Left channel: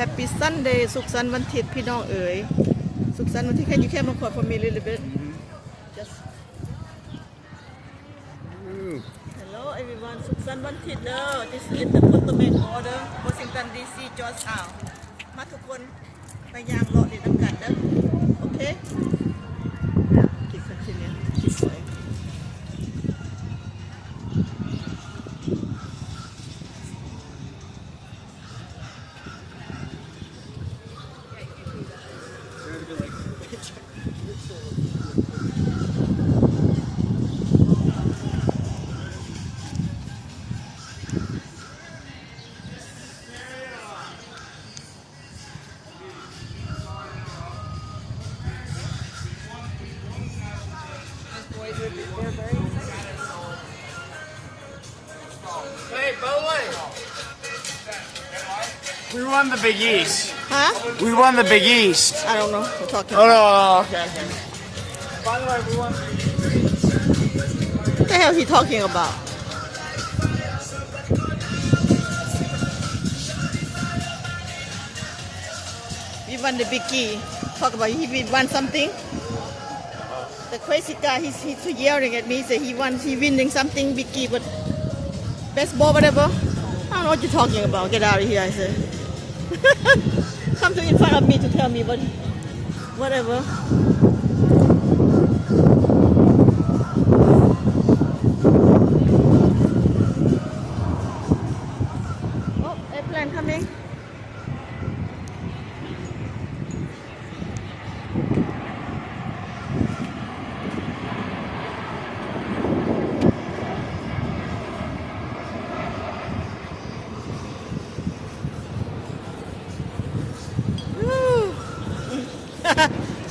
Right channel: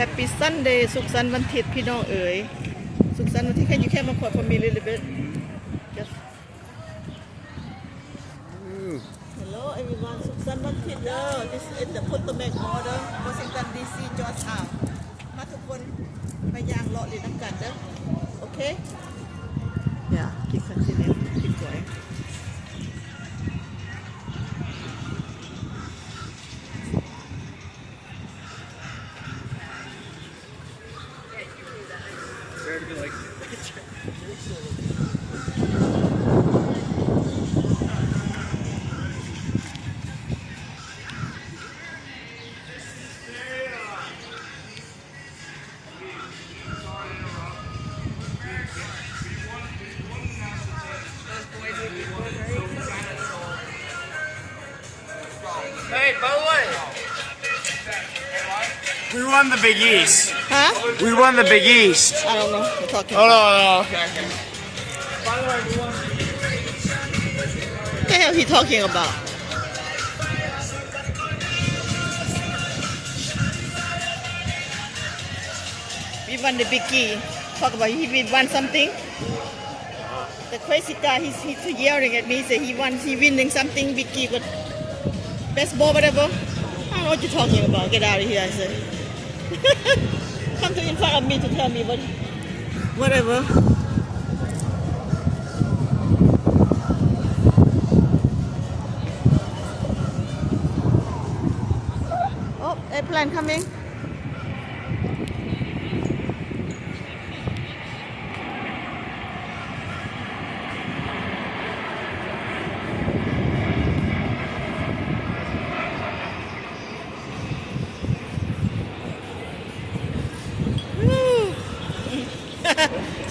Happy Sunday สุขสันต์วันอาทิตย์พี่น้องเอ๋ยสุขสันต์วันที่ Can you come for me a little bit yes Hello everyone สุขสันต์วันอาทิตย์เด้อ This is the Potomac Order Washington DC Georgetown มาทุกคนไปย่างเลาะเล่นน้ำกันเด้อโอเคกินสักทีนึงกินสวยHey, by the way, we won the Big East. Huh? We won the Big East. I don't know. We're talking Oh, about. no, okay. By the way, we won. What the hell is he talking about? We won the biggie. Talk about we won something. The crazy guy, he's yelling at me. Say he winning something biggie, but baseball, whatever. I don't know what you're talking about. Get out of here, I say. Come to in front of me to tell me, but whatever. Oh, airplane coming.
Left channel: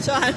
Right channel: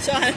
Sean.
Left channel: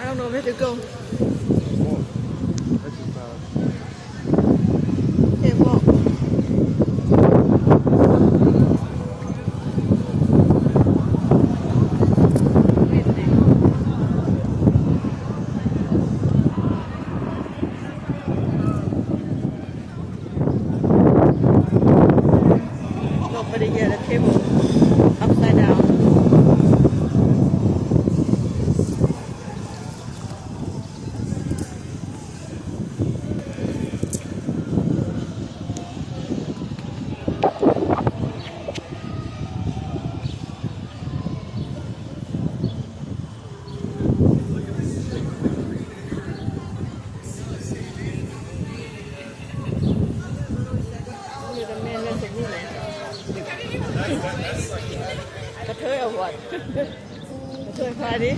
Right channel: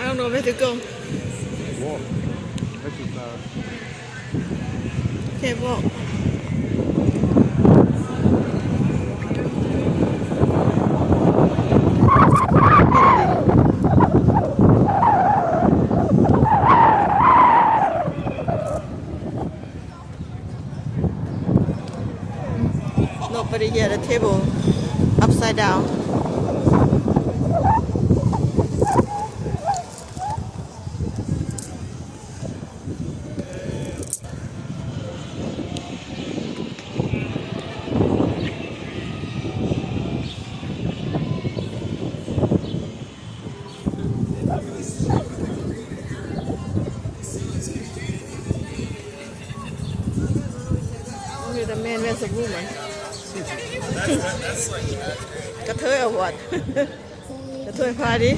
I don't know where to go. Okay, walk. Nobody here at the table. Upside down. The man is a woman. กระเทยเอาวัด กระเทยพาดิ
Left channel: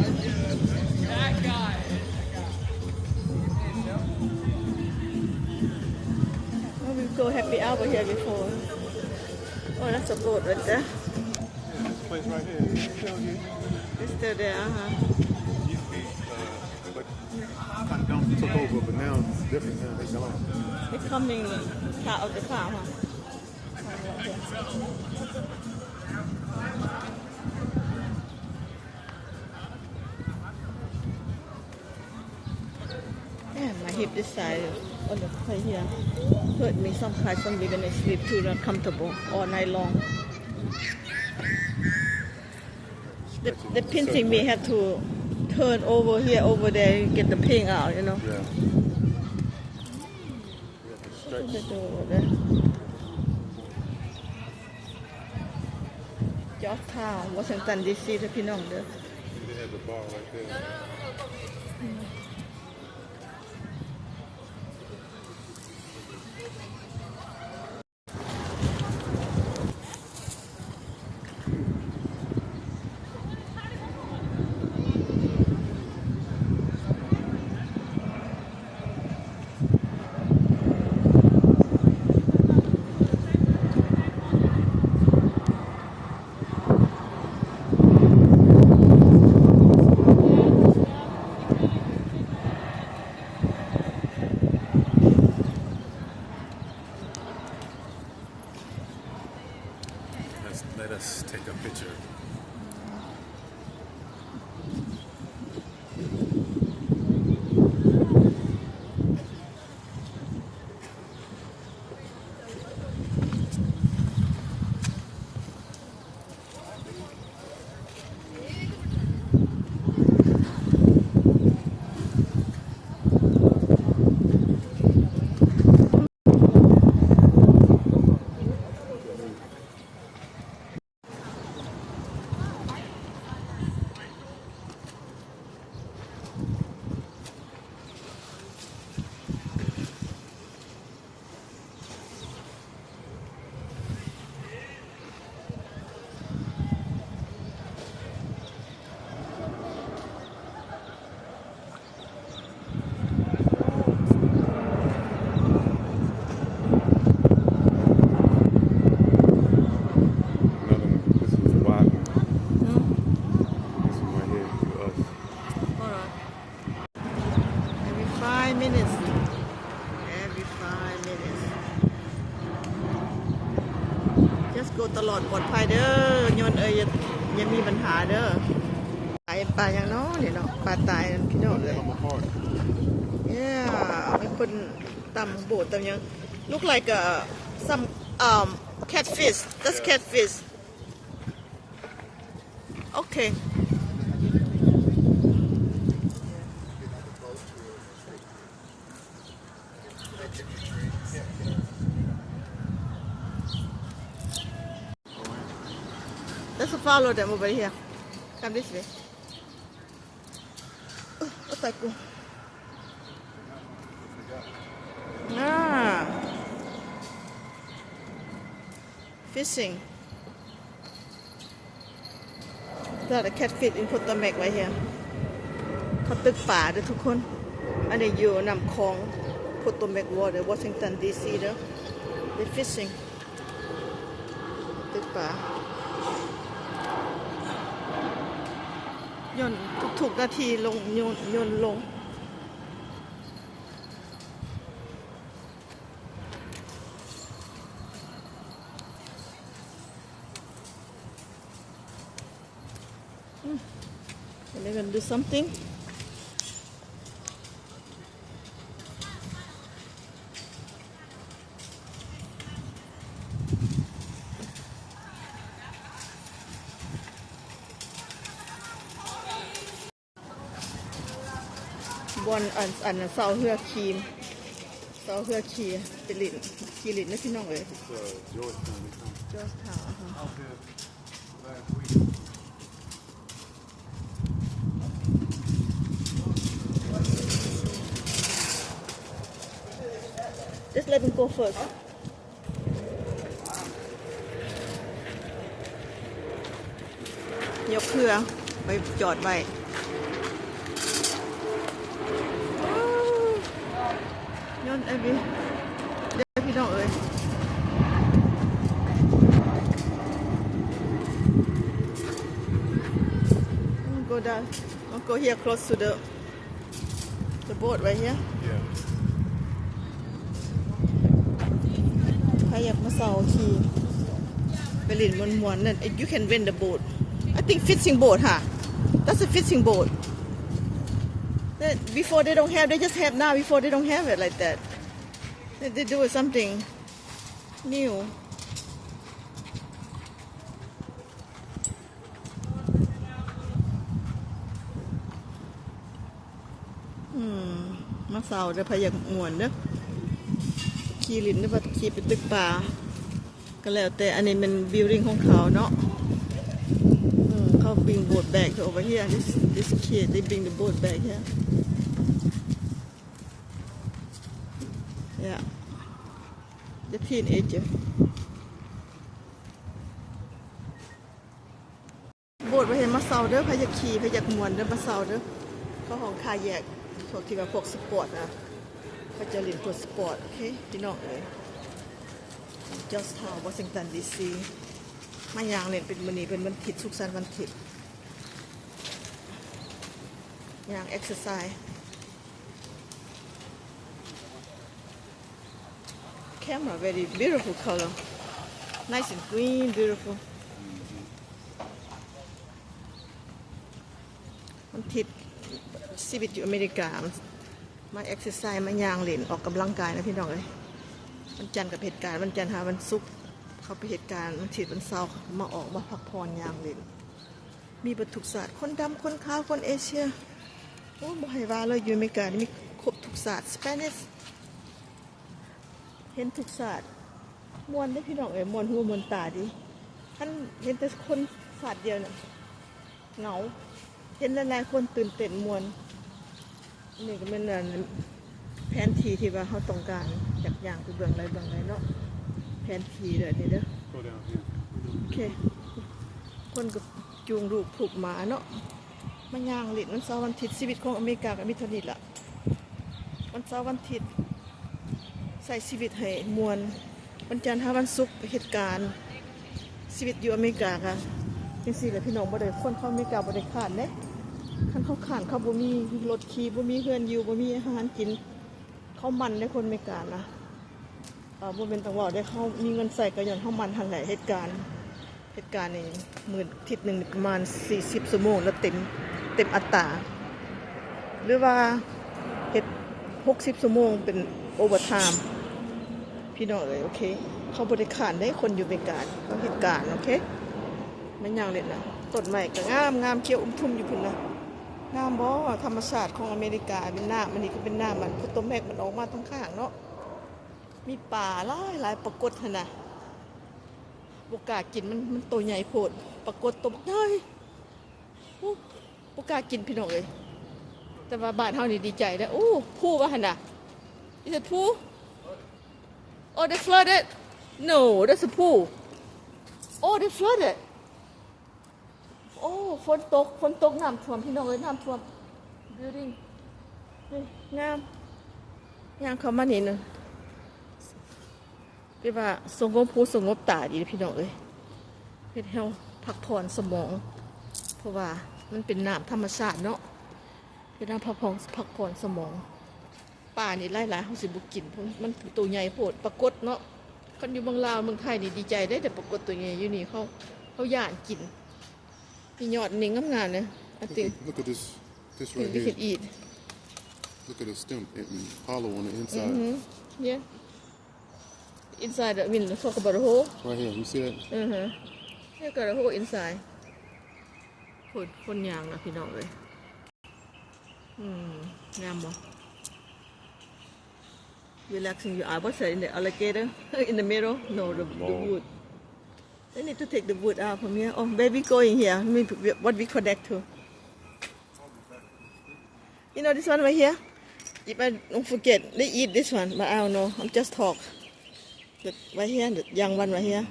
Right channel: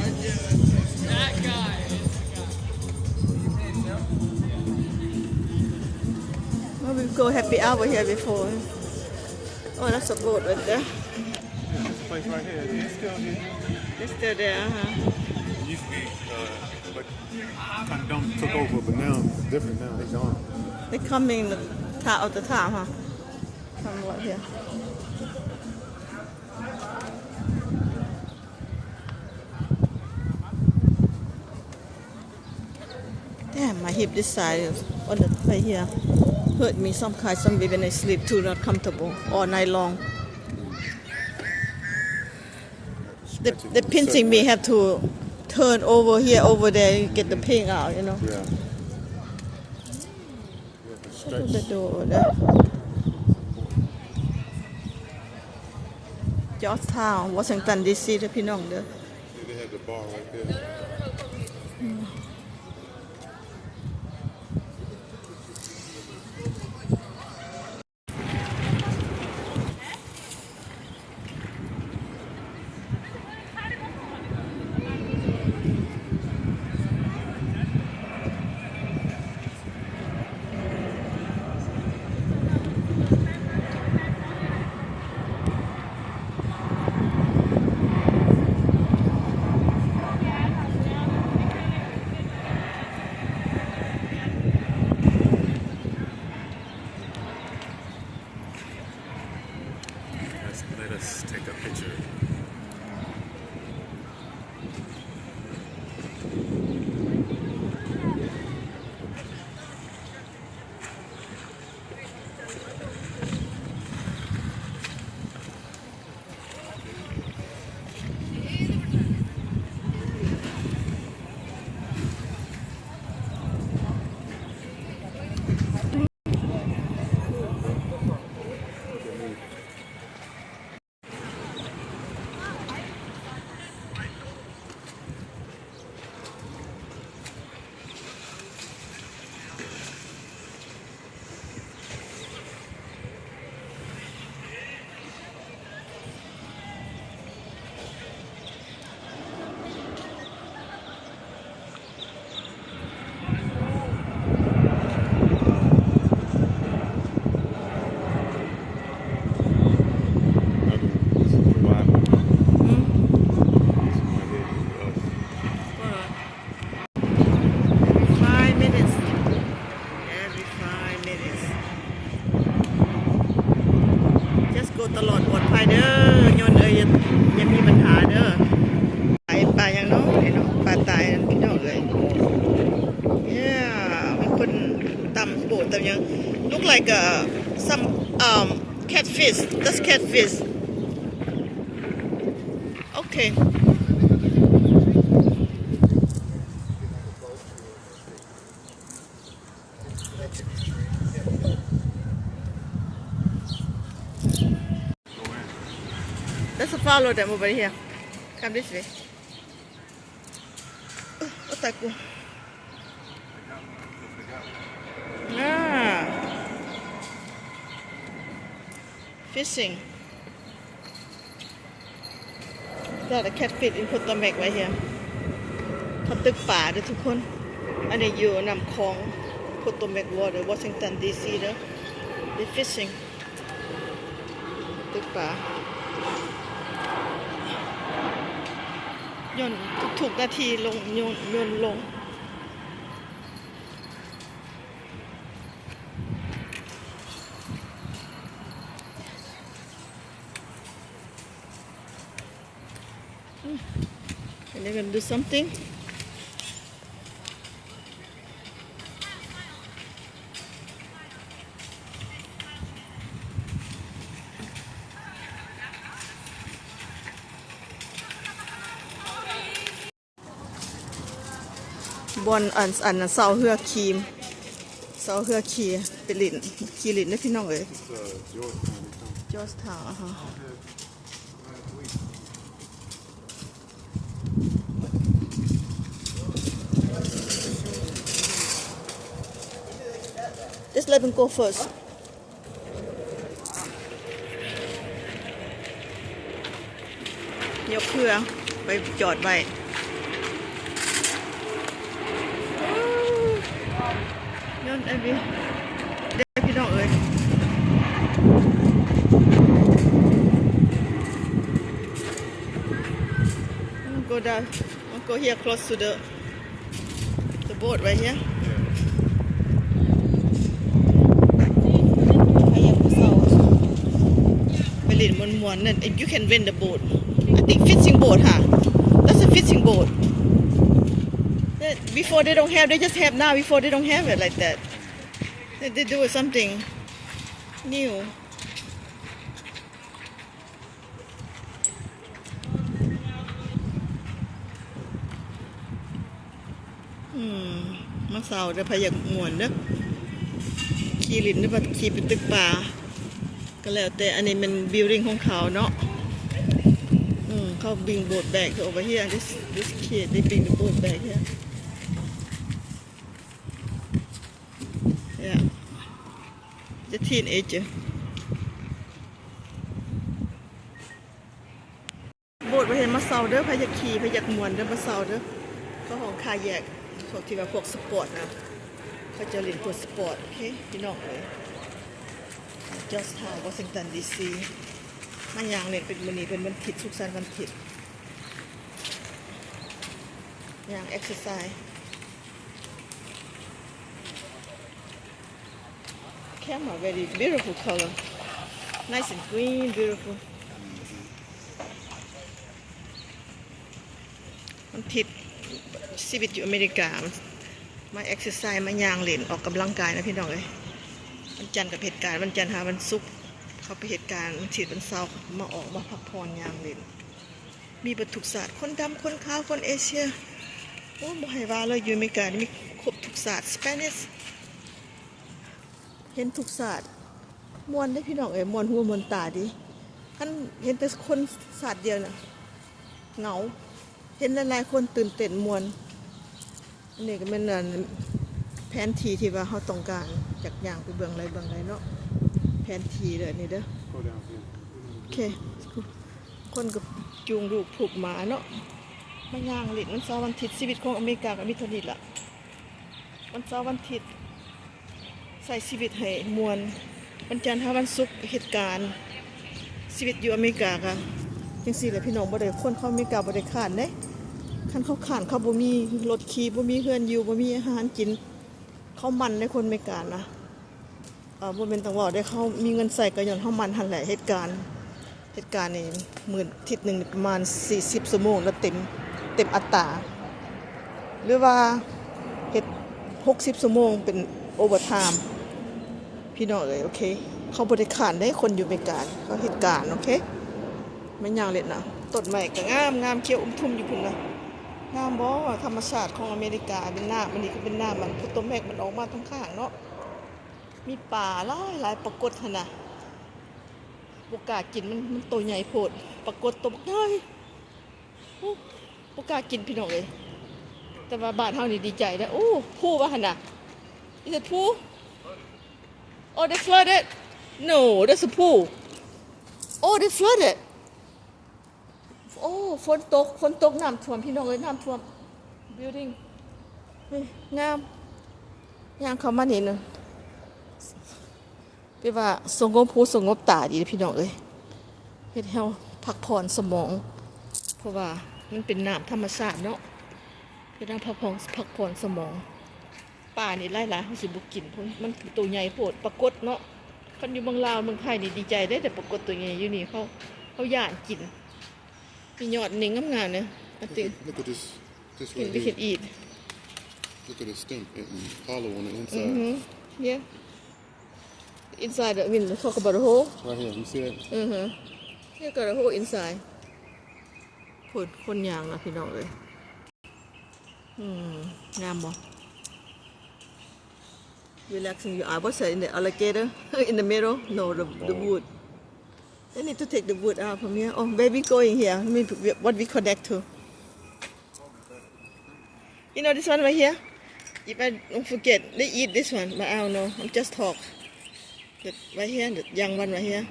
Well, we go happy hour here before. Oh, that's a boat right there. This place right here, is it still here? It's still there, But Cotton Dome took over, but now it's different now. They're gone. They're coming out of the town, huh? Coming right here. Damn, my hip this side is on the right here. Hurt me some way when I sleep too, not comfortable all night long. The pinching me have to turn over here, over there, and get the pain out, you know. Yeah. Shut the door there. Georgetown Washington DC เด้อพี่น้องเด้อ They had the bar right there. Let us take a picture. This is the Bible. This is my head for us. Alright. Every 5 minutes. Every 5 minutes. Just go ตลอดปลอดภัยเด้อยนอย่ามีปัญหาเด้อปลาอย่างน้อยเนาะปลาตายนั่นพี่น้องเอ้ย Yeah มีคนตำโบดตำยัง look like some catfish. That's catfish. Okay. Let's follow them over here. Come this way. Oh, thank you. Ah. Fishing. There's a catfish in Potomac right here. เขาตึกป่าเด้อทุกคน อันนี้อยู่นำคลอง Potomac Water Washington DC เด้อ They fishing ตึกป่าย่นทุกนาทีลงยนลงAnd they're going to do something. Bon อันเสาเฮือคีมเสาเฮือคีไปลินคีลินนะพี่น้องเอ้ย Georgetown. Georgetown Just let him go first. ยกเครือไปจอดไว้ย้อนไอ้พี่เด็กพี่น้องเอ้ย Go down. I'll go here close to the boat right here. I have to saw Berlin one. You can rent the boat. I think fishing boat, huh? That's a fishing boat. Before they don't have, they just have now. Before they don't have it like that. They do something new.มาเศร้าเด้อพะอยากม่วนเด้อขี่ลิ้นเด้อแบบขี่ไปตึกป่าก็แล้วแต่อันนี้มันบิลดิ้งของเขาเนาะ how bring boat back over here. This kid, they bring the boat back here. Yeah. The teenager.โบสถ์ไปเห็นมาเซาเด้อพยักขี่พยักมวนเด้อมาเซาเด้อเขาของคาแยกพวกที่ว่าพวกสปอร์ตนะเขาจะเล่นพวกสปอร์ตโอเคพี่น้องเอ้ย Just Town Washington DC มาย่างเล่นเป็นมื้อนี้เป็นวันอาทิตย์สุขสันต์วันอาทิตย์ย่าง exercise camera very beautiful color nice and green beautiful มันทิศชีวิตอยู่อเมริกามาเอ็กซ์ไซส์มาย่างเล่นออกกำลังกายนะพี่น้องเอ้ยวันจันทร์กับเหตุการณ์วันจันทร์หาวันศุกร์เขาไปเหตุการณ์วันอาทิตย์วันเสาร์มาออกมาพักผ่อนย่างเล่นมีบัตรทุกศาสตร์คนดำคนขาวคนเอเชียโอ้บ่ให้ว่าเลยอยู่อเมริกานี่มีครบทุกศาสตร์สเปนิชเห็นทุกศาสตร์มวนได้พี่น้องเอ้ยมวนหัวมวนตาดิท่านเห็นแต่คนศาสตร์เดียวน่ะเหงาเห็นหลายๆคนตื่นเต้นมวนนี่ก็เป็นแผนที่ที่ว่าเขาต้องการจากอย่างไปเบื้องไรเนาะแผนที่เด้อนี่เด้อ Go down here. โอเคคนก็จูงลูกผูกหมาเนาะมาย่างเล่นวันเสาร์วันอาทิตย์ชีวิตของอเมริกาก็มีเท่านี้ล่ะวันเสาร์วันอาทิตย์ใส่ชีวิตให้มวนวันจันทร์หาวันศุกร์เหตุการณ์ชีวิตอยู่อเมริกาค่ะจังซี่แหละพี่น้องบ่ได้คนเข้าอเมริกาบ่ได้ขาดเด้คันเขาขาดเขาบ่มีรถขี่บ่มีเฮือนอยู่บ่มีอาหารกินเขามันในคนอเมริกานะบ่แม่นต้องว่าได้เขามีเงินใส่ก็ย้อนเฮามันหั่นแหละเหตุการณ์นี่มื้ออาทิตย์นึงประมาณ40ชั่วโมงแล้วเต็มอัตราหรือว่าเฮ็ด60ชั่วโมงเป็นโอเวอร์ไทม์พี่น้องเอ้ยโอเคเขาบ่ได้ขาดได้คนอยู่อเมริกาเขาเหตุการณ์โอเคไม่ยาวเลยนะต้นไม้ก็งามเขียวทุ่มอยู่พุ่นนะงามบ่ธรรมชาติของอเมริกาเป็นหน้ามันนี่ก็เป็นหน้ามันพุต้นแมกมันออกมาทั้งข้างเนาะมีป่าหลายปรากฏหั่นน่ะบ่กล้ากินมันตัวใหญ่โพดปรากฏตัวบักใหญ่บ่กล้ากินพี่น้องเอ้ยแต่ว่าบ้านเฮานี่ดีใจแล้วโอ้ผู้ว่าหั่นน่ะ Is it pool? Oh, they flooded? No, that's a pool. Oh, they flooded. โอ้ฝนตกน้ำท่วมพี่น้องเอ้ยน้ำท่วม building นี่งามย่างเข้ามานี่นึงแปลว่าสงบหูสงบตาดีพี่น้องเอ้ยเฮ็ดให้เฮาพักผ่อนสมองเพราะว่ามันเป็นน้ำธรรมชาติเนาะเป็นน้ำพักผ่อนสมองป่านี่หลายๆเฮาสิบ่กินเพราะมันตัวใหญ่โพดปรากฏเนาะคันอยู่เมืองลาวเมืองไทยนี่ดีใจได้แต่ปรากฏตัวใหญ่อยู่นี่เขาย่านกินมียอดนี่งามๆนะ I think Look at this we right can here. eat Look at the stem and hollow on the inside. yeah inside I mean talk about the hole Right here, you see it? here got a hole inside คนยางนะพี่น้องเลยงามบ่ relaxing your eye what's that in the alligator in the middle no the wood they need to take the wood out from here oh baby going here what we connect to you know this one right here if I don't forget they eat this one but I don't know I'm just talk that right here the young one right here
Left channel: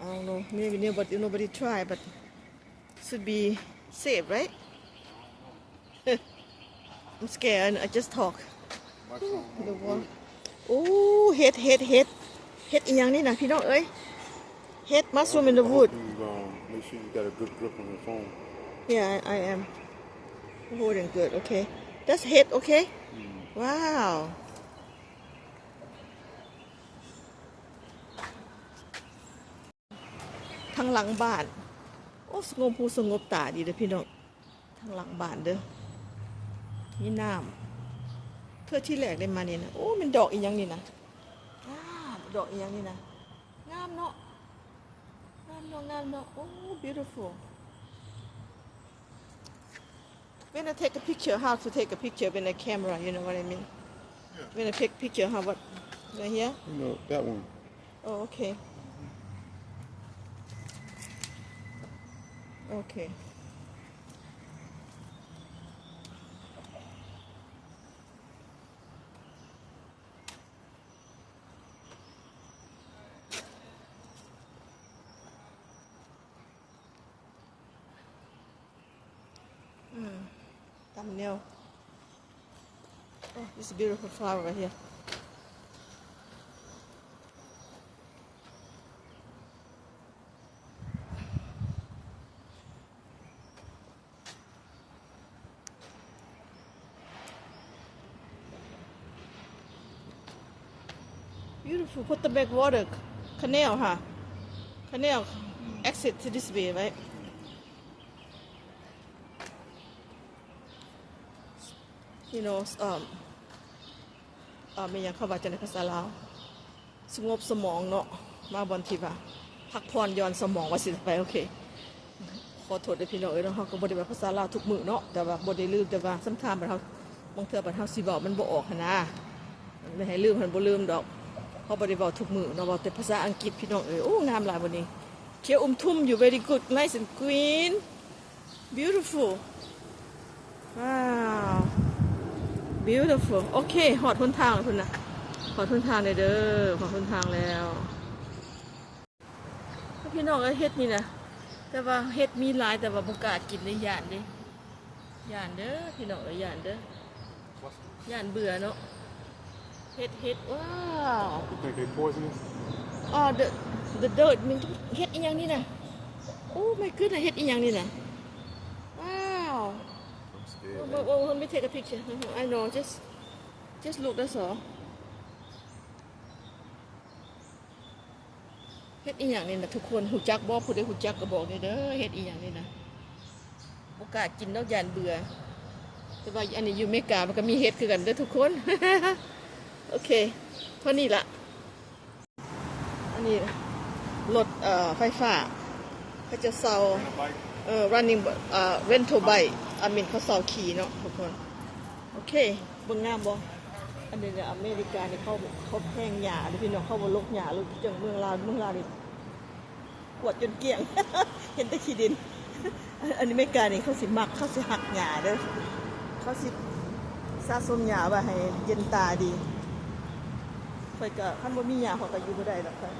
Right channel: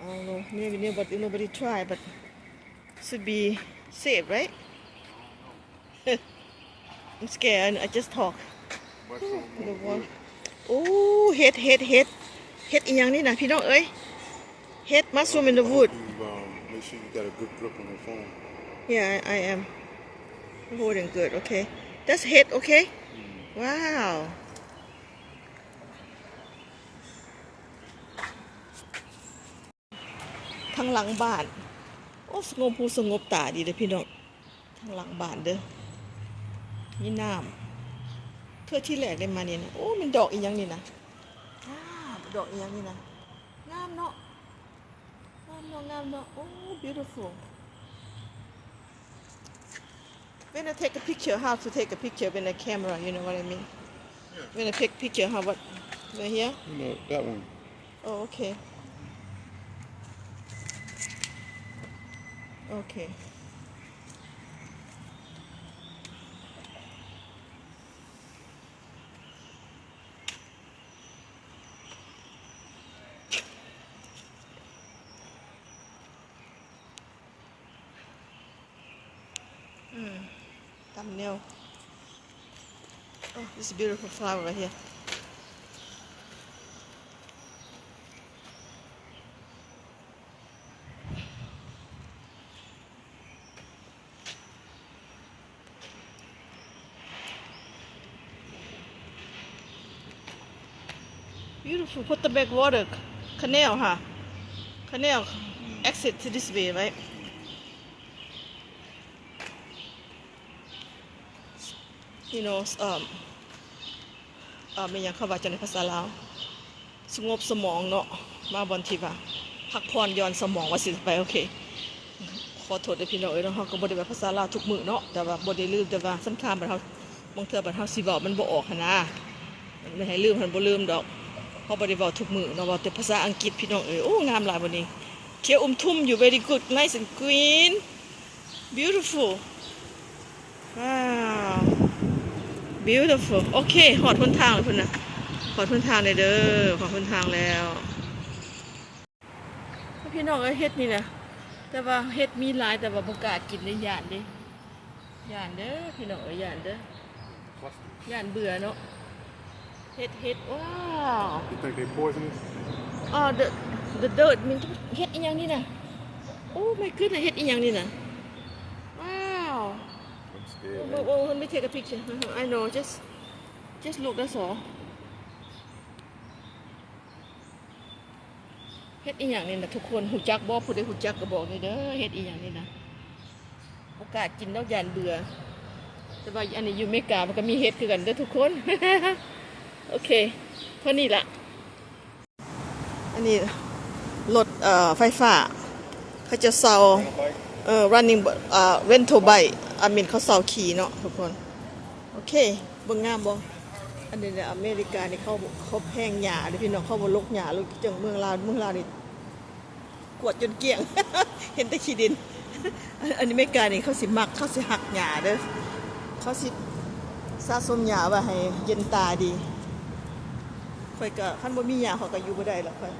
I don't know maybe nobody try but should be safe right I'm scared I just talk the wall โอ้เฮ็ดอีหยังนี่นะพี่น้องเอ้ยเฮ็ด mushroom in the wood Make sure you got a good grip on your phone. yeah I am holding good okay that's head okay wow ทางหลังบ้านโอ้สงบหูสงบตาดีเด้อพี่น้องทางหลังบ้านเด้อมีน้ำเพื่อที่แรกได้มานี่นะโอ้มันดอกอีหยังนี่นะดอกอีหยังนี่นะงามเนาะโอ้ beautiful when I take a picture how to take a picture with a camera you know what I mean when I take picture how what right here You know, that one. oh okay Okay. Thumbnail. Oh, this is a beautiful flower right here. Beautiful. Put the backwater canal, huh? Canal exit to this way, right? You know, ไม่ยังเข้าว่าจะในภาษาลาวสงบสมองเนาะมาบอนที่ว่าพักผ่อนย้อนสมองว่าสิไปโอเคขอโทษด้วยพี่น้องเนาะเฮาก็บ่ได้ว่าภาษาลาวทุกมื้อเนาะแต่ว่าบ่ได้ลืมแต่ว่าสําคัญบัดเฮาบางเทื่อบัดเฮาสิเว้ามันบ่ออกหั่นนะมันไม่ให้ลืมมันบ่ลืมดอกเฮาบ่ได้เว้าทุกมื้อเนาะเว้าแต่ภาษาอังกฤษพี่น้องโอ้งามหลายบัดนี้เขียวทุ่มอยู่ very good nice and green beautiful wow beautiful โอเคหอดหนทางแล้วพุ่นน่ะหอดหนทางเลยเด้อหอดหนทางแล้วพี่น้องเฮ็ดนี่นะแต่ว่าเฮ็ดมีหลายแต่ว่าบ่กล้ากินได้ย่านเด้ย่านเด้อพี่น้องย่านเด้อย่านเบื่อเนาะเฮ็ดว้าว You think they poisonous? Oh the dirt มันเฮ็ดอีหยังนี่น่ะโอ้ my goodness เฮ็ดอีหยังนี่น่ะว้าว I'm scared. Well, let me take a picture. I know, just look, that's all. เฮ็ดอีหยังนี่นะทุกคนฮู้จักบ่ผู้ใดฮู้จักก็บอกนี่เด้อเฮ็ดอีหยังนี่นะบ่กล้ากินดอกย่านเบื่อแต่ว่าอันนี้อยู่อเมริกามันก็มีเฮ็ดคือกันเด้อทุกคน โอเคเท่านี้ล่ะอันนี้รถไฟฟ้าเขาจะเซาrunning rental bike เขาเซาขี่เนาะทุกคนโอเคเบิ่งงามบ่อันนี้เนี่ยอเมริกานี่เขาแพงหญ้าเด้อพี่น้องเขาบ่ลกหญ้าเลยจังเมืองลาวนี่กวาดจนเกลี้ยง เห็นแต่ขี้ดิน อันนี้อเมริกานี่เขาสิมักเขาสิหักหญ้าเด้อเขาสิสะสมหญ้าไว้ให้เย็นตาดีค่อยก็คันบ่มีหญ้าเขาก็อยู่บ่ได้หรอกค่อย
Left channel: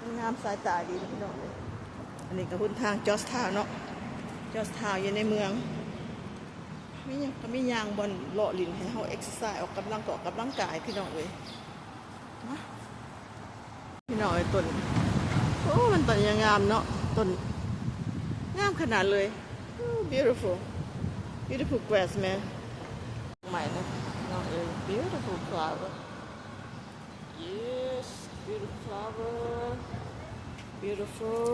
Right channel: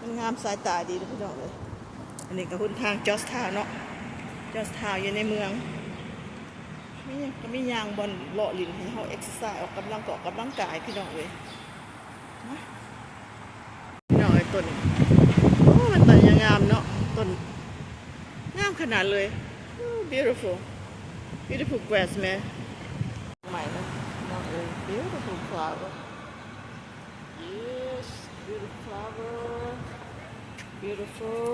มันงามสายตาดีเด้อพี่น้องเอ้ยอันนี้ก็หนทางจอร์จทาวน์เนาะจอร์จทาวน์อยู่ในเมืองมียางบอนเลาะลิ้นให้เฮาเอ็กซ์ไซส์ออกกำลังกายพี่น้องเอ้ยมาพี่น้องเอ้ยต้นโอ้มันต้นยังงามเนาะต้นงามขนาดเลย beautiful grass man ใหม่นะพี่น้องเอ้ย beautiful flower yes beautiful flower beautiful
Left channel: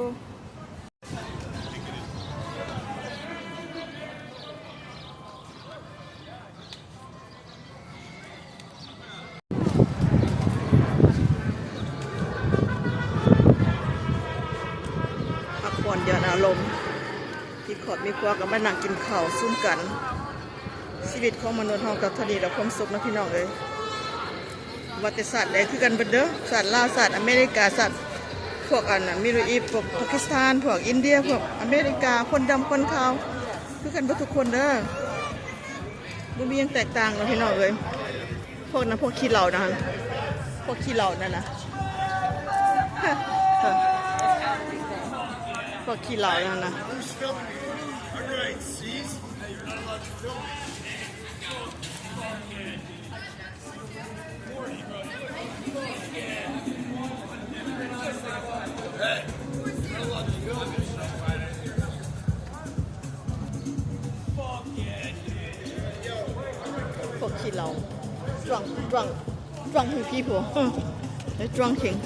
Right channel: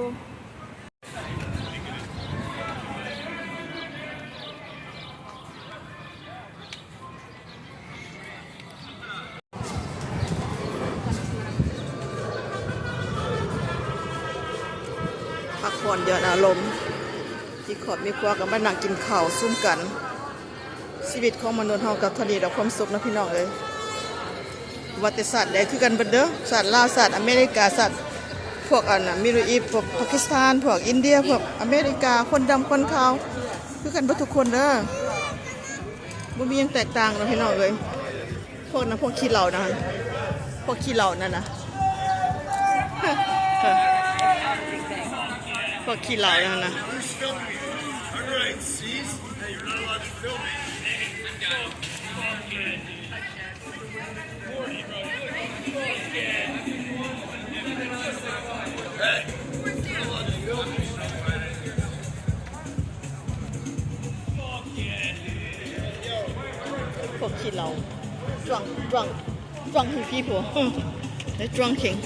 พักผ่อนเดือนอารมณ์ที่ขอบมีครัวกับมานั่งกินข้าวซุ่มกันชีวิตของมนุษย์เฮากับทะเลดอกความสุขนะพี่น้องเอ้ยประวัติศาสตร์ได้คือกันเบิดเด้อศาสตร์ลาวศาสตร์อเมริกาศาสตร์พวกอันน่ะมิดเดิลอีสต์พวกปากีสถานพวกอินเดียพวกอเมริกาคนดำคนขาวคือกันเบิดทุกคนเด้อบ่มีหยังแตกต่างนะพี่น้องเอ้ยพวกนั้นพวกขี้เหล้านะพวกขี้เหล้านั่นน่ะพวกขี้เหล้านั่นน่ะพวกขี้เหล้า drunk people they're drunking